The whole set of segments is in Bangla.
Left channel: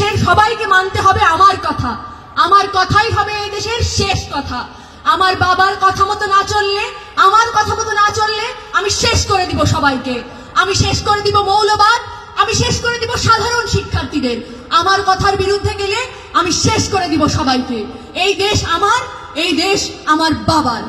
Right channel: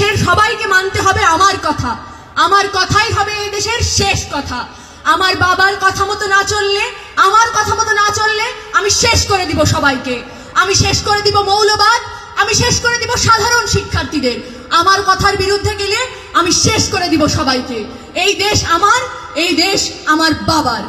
দেশের সবাইকে মানতে হবে আমার কথা, আমার কথাই হবে এই দেশের শেষ কথা। আমার বাবার কথা মতো না চললে, আমার কথা মতো না চললে আমি শেষ করে দিব সবাইকে। আমি শেষ করে দিব মৌলবাদ, আমি শেষ করে দিব সাধারণ শিক্ষার্থীদের। আমার কথার বিরুদ্ধে গেলে আমি শেষ করে দিব সবাইকে। এই দেশ আমার, এই দেশ আমার বাবার।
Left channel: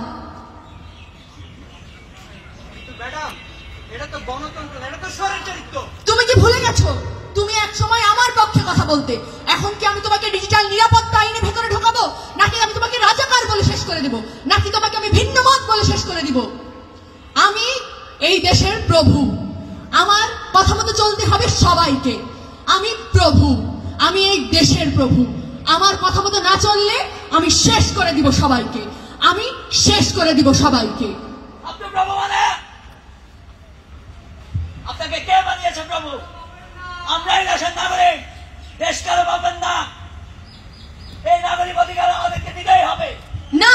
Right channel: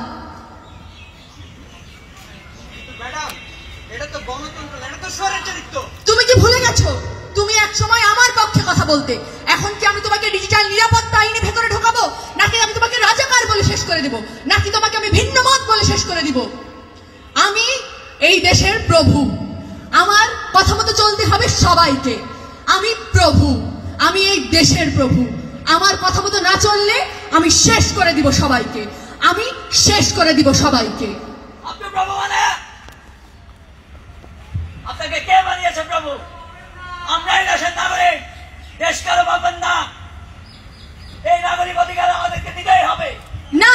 তুমি কি ভুলে গেছো? তুমি এক সময় আমার পক্ষে কথা বলতে। এখন কি আমি তোমাকে ডিজিটাল নিরাপত্তা আইনে ভেতরে ঢোকাবো, নাকি আমি তোমাকে রাজাকার বলে শেষ করে দিব, নাকি তোমাকে আমি ভিন্ন মত বলে শেষ করে দিব? আমি এই দেশের প্রভু, আমার কথা মতো চলতে হবে সবাইকে। আমি প্রভু, আমি এই দেশের প্রভু। আমার কথা মতো না চললে আমি শেষ করে দিব সবাইকে, আমি শেষ করে দিব সবাইকে। আপনি প্রভু মানে? আপনাকে কে বানিয়েছে প্রভু? আমরাই দেশের নাগরিক, দেশ কারো পাবেন না। এই নাগরিক অধিকার আমাদেরকে দিতেই হবে। না,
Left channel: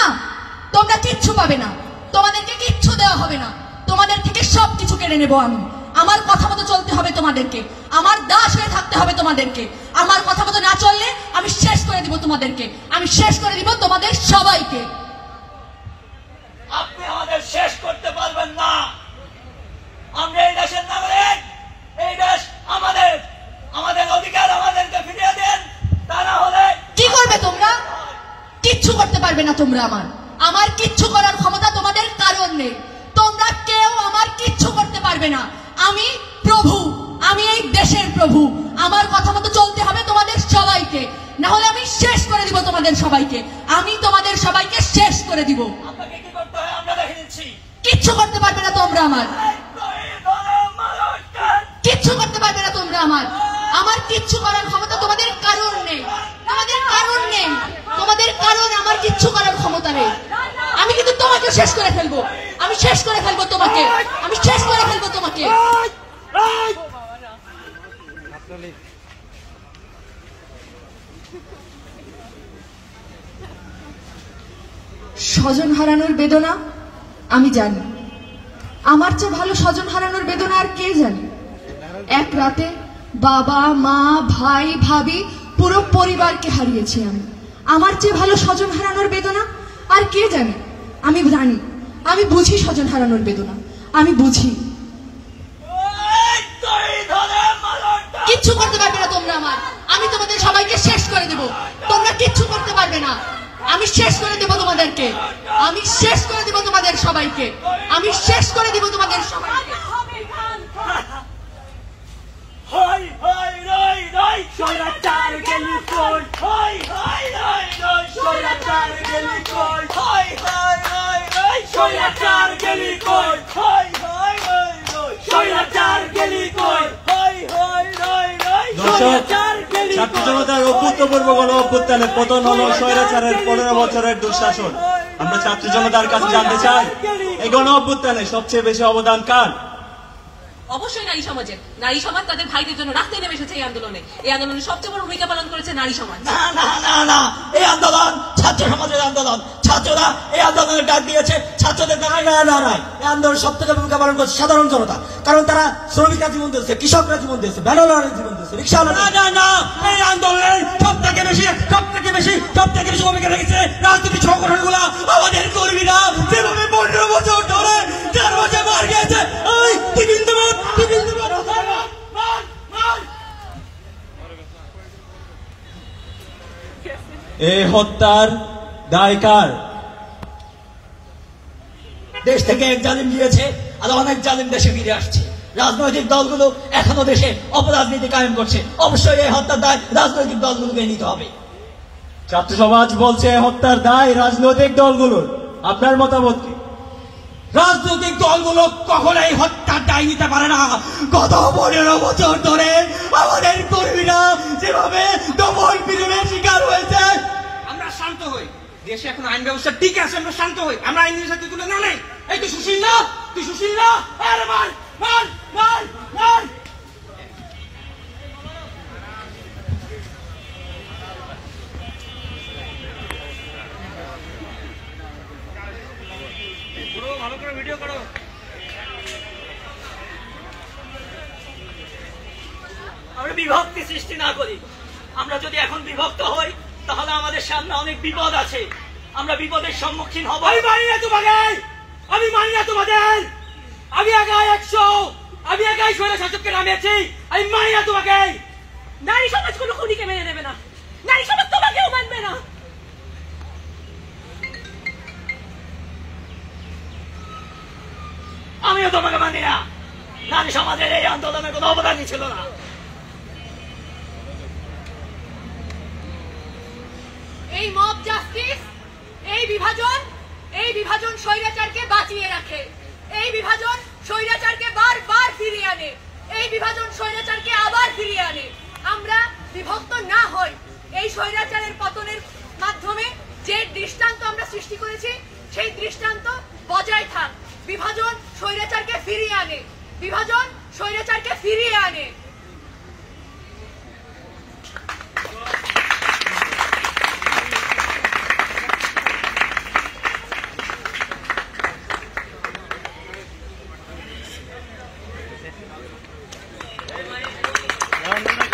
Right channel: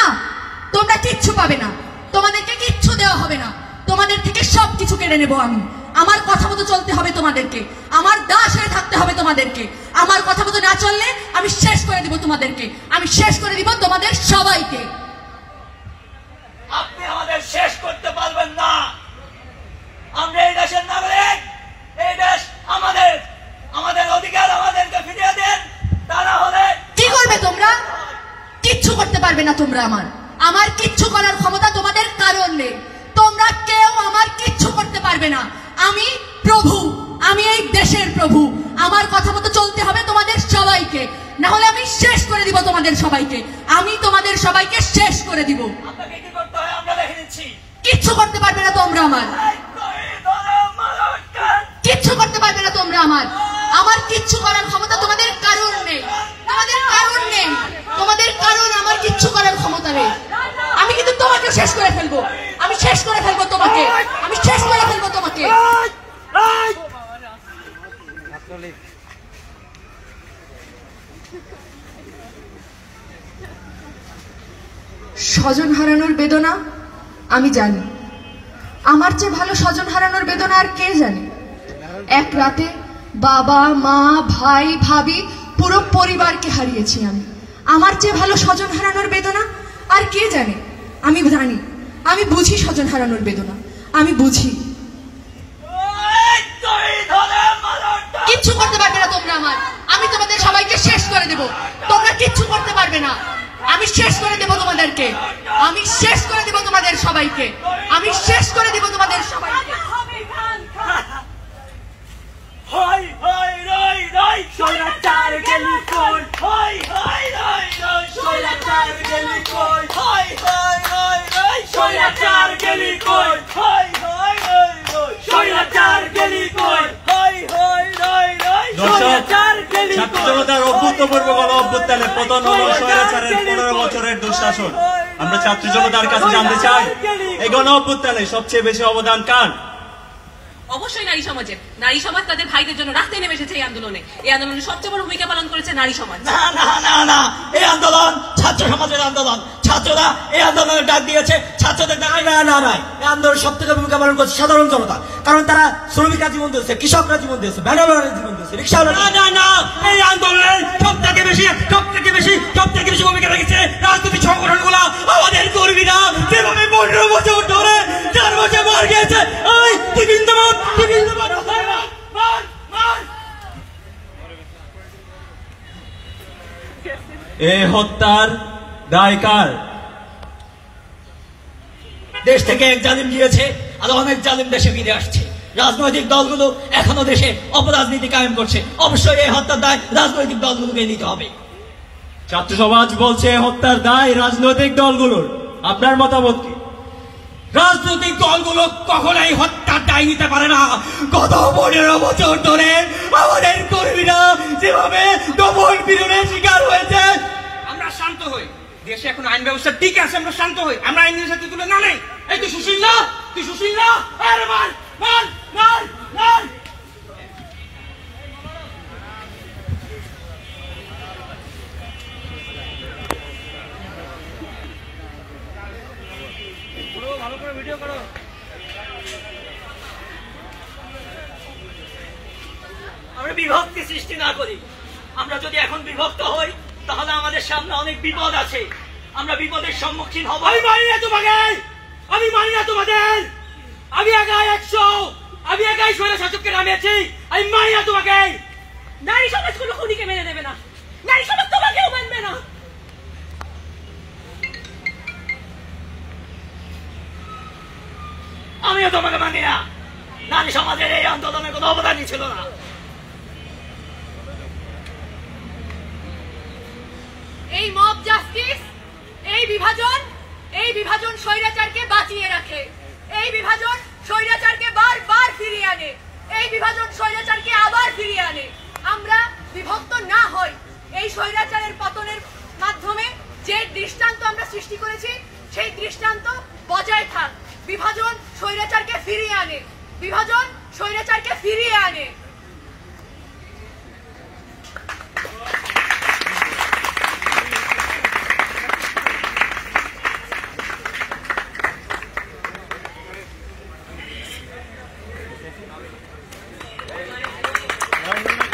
তোমরা কিচ্ছু পাবে না, তোমাদেরকে কিচ্ছু দেওয়া হবে না। তোমাদের থেকে সবকিছু কেড়ে নেবো আমি। আমার কথা মতো চলতে হবে তোমাদেরকে, আমার দাস হয়ে থাকতে হবে তোমাদেরকে। আমার কথা মতো না চললে আমি শেষ করে দিব তোমাদেরকে, আমি শেষ করে দিব তোমাদের সবাইকে। আপনি আমাদের শেষ করতে পারবেন না। আমরা এই দেশের নাগরিক, এই দেশ আমাদের, আমাদের অধিকার আমাদেরকে ফিরিয়ে দেন। তা না হলে কি করবে তোমরা? কিচ্ছু করতে পারবে না তোমরা। আমার কিচ্ছু করার ক্ষমতা তোমাদের কারণ নেই। তোমরা কেউ আমার কিচ্ছু করতে পারবে না। আমি প্রভু, আমি এই দেশের প্রভু। আমার কথা মতো চলতে হবে তোমাদের সবাইকে, না হলে আমি শেষ করে দিব তোমাদের সবাইকে। আমি তোমাদের সবাইকে শেষ করে দিব। আপনাকে কি করতে হয় আমরা দেখে নিচ্ছি। কিচ্ছু করতে পারবে না তোমরা কিচ্ছু করতে পারবে না তোমরা আমার কিচ্ছু করার ক্ষমতা তোমাদের কারণ নেই, তোমাদের কারণ নেই, তোমাদের কারণ আমার কিচ্ছু করার ক্ষমতা নেই। আমি কিন্তু তোমাকে শেষ করে ফেলবো, আমি শেষ করে ফেলবো তোমাকে, আমি শেষ করে ফেলবো তোমাকে। স্বজন হারানোর বেদনা আমি জানি, আমার চেয়ে ভালো স্বজন হারানোর বেদনা আর কে জানে। এক রাতে বাবা, মা, ভাই, ভাবি, পুরো পরিবারকে হারিয়েছি আমি। আমার চেয়ে ভালো স্বজন হারানোর বেদনা আর কে জানে। আমি জানি, আমি বুঝি স্বজন হারানোর বেদনা, আমি বুঝি। কিচ্ছু করতে পারবে না তোমরা আমি তোমাদের সবাইকে শেষ করে দেব। তোমরা কিচ্ছু করতে পারবে না, আমি শেষ করে দেব তোমাদেরকে, আমি শেষ করে দেব তোমাদের সবাইকে, আমি শেষ করে দেব তোমাদের সবাইকে। হাই হাই রাই রাই শৈলাচার গেলি কই, হাই হাই রাই রাই শৈলাচার গেলি কই, হাই হাই রাই রাই শৈলাচার গেলি কই, হাই হাই রাই রাই শৈলাচার গেলি কই, হাই হাই রাই রাই শৈলাচার গেলি কই। অভূতপূর্ব গণ অভ্যুত্থানের পতন হলো স্বৈরাচারের 15 বছরের দুঃশাসন। আমরা ছাত্র জনতার কাছে জানতে চাই, এই গণ অভ্যুত্থানে সবচেয়ে বেশি অবদান কার? অবশ্যই নারী সমাজের। নারী সমাজ তাদের ভাইদের জন্য রাস্তায় নেমে এসেছে এই আন্দোলনে। এই আন্দোলনে সবচেয়ে বড় ভূমিকা পালন করেছে নারী সমাজ। না না না না, এই আন্দোলন ছাত্র সমাজের আন্দোলন। ছাত্ররা এই আন্দোলনের ডাক দিয়েছে, ছাত্রদের না না নয়, এই আন্দোলনের সব থেকে ভূমিকা পালন করছে সাধারণ জনতা। কারণ তারা শ্রমিকরা জীবন দিয়েছে, কৃষকরা জীবন দিয়েছে, ভ্যানওয়ালারা জীবন দিয়েছে, রিক্সা। না না না, এই আন্দোলনের সব থেকে বেশি ভূমিকা রেখেছে রাজনৈতিক সংগঠনগুলো। আমাদের কর্মীরা যেভাবে 15 বছর ধরে 4 বছর মার গিয়েছে, এই হত্যার দায় কার? দেশ থেকে এক জালিম গিয়েছে, আর অনেক জালিম দেশে ফিরে আসছে। রাজনৈতিক দলগুলো এখনো দেশে অপরাজনীতি কায়েম করছে। অবশ্যই এই হত্যার দায় রাজনৈতিক দলগুলোকে নিতে হবে। ছাত্র সমাজ বলছে হত্যার দায় রাজনৈতিক দলগুলোর। আপনার মতামত কি? রাজনৈতিক দলগুলো কখনোই হত্যার দায় নিতে পারে না। গত 15 বছর ধরে আমাদের কর্মীরা যেভাবে ডবল পীড়নের শিকার হয়েছে। আমরা শান্ত হই, দেশে এখন আইন ব্যবস্থা ঠিক আছে, আমরা শান্ত হই, আমরা আইনের সাথে তুলে না নেই। এই তুই সুশীল না, তুই সুশীল না, আরে মার মার মার মার। আমরা বিভক্তি সৃষ্টি না করি, আমরা যদি এখন বিভক্ত হই তাহলে আমাদের সামনে অনেক বিপদ আছে, আমরা বিপদের সম্মুখীন হব। আমি মানি না তোমাকে, আমি মানি না তোমাদের, আমি একাই 100, আমি একাই স্বৈর শাসককে নামিয়েছি, আমি মানি না তোমাকে। নারী সমাজ কোনো খুনিকে মেনে নেবে না, নারী সমাজ তোমাকেও মানবে না। আমিও তোমাকে মানি না। নারী সমাজের এই আন্দোলনে কোনো অবদানই ছিল না। এই মব জাস্টিস, এই বিভাজন স্বৈরাচারকে বাঁচিয়ে রাখে, এই বিভাজন স্বৈরাচারকে বারবার ফিরিয়ে আনে, এই বিভাজন স্বৈরাচারকে আবার ফিরিয়ে আনে। আমরা বিভক্ত না হই, এই স্বৈরাচারের পতনের মাধ্যমে যে দৃষ্টান্ত আমরা সৃষ্টি করেছি সেই দৃষ্টান্ত বজায় থাক। বিভাজন স্বৈরাচারকে ফিরিয়ে আনে, বিভাজন স্বৈরাচারকে ফিরিয়ে আনে। ধন্যবাদ।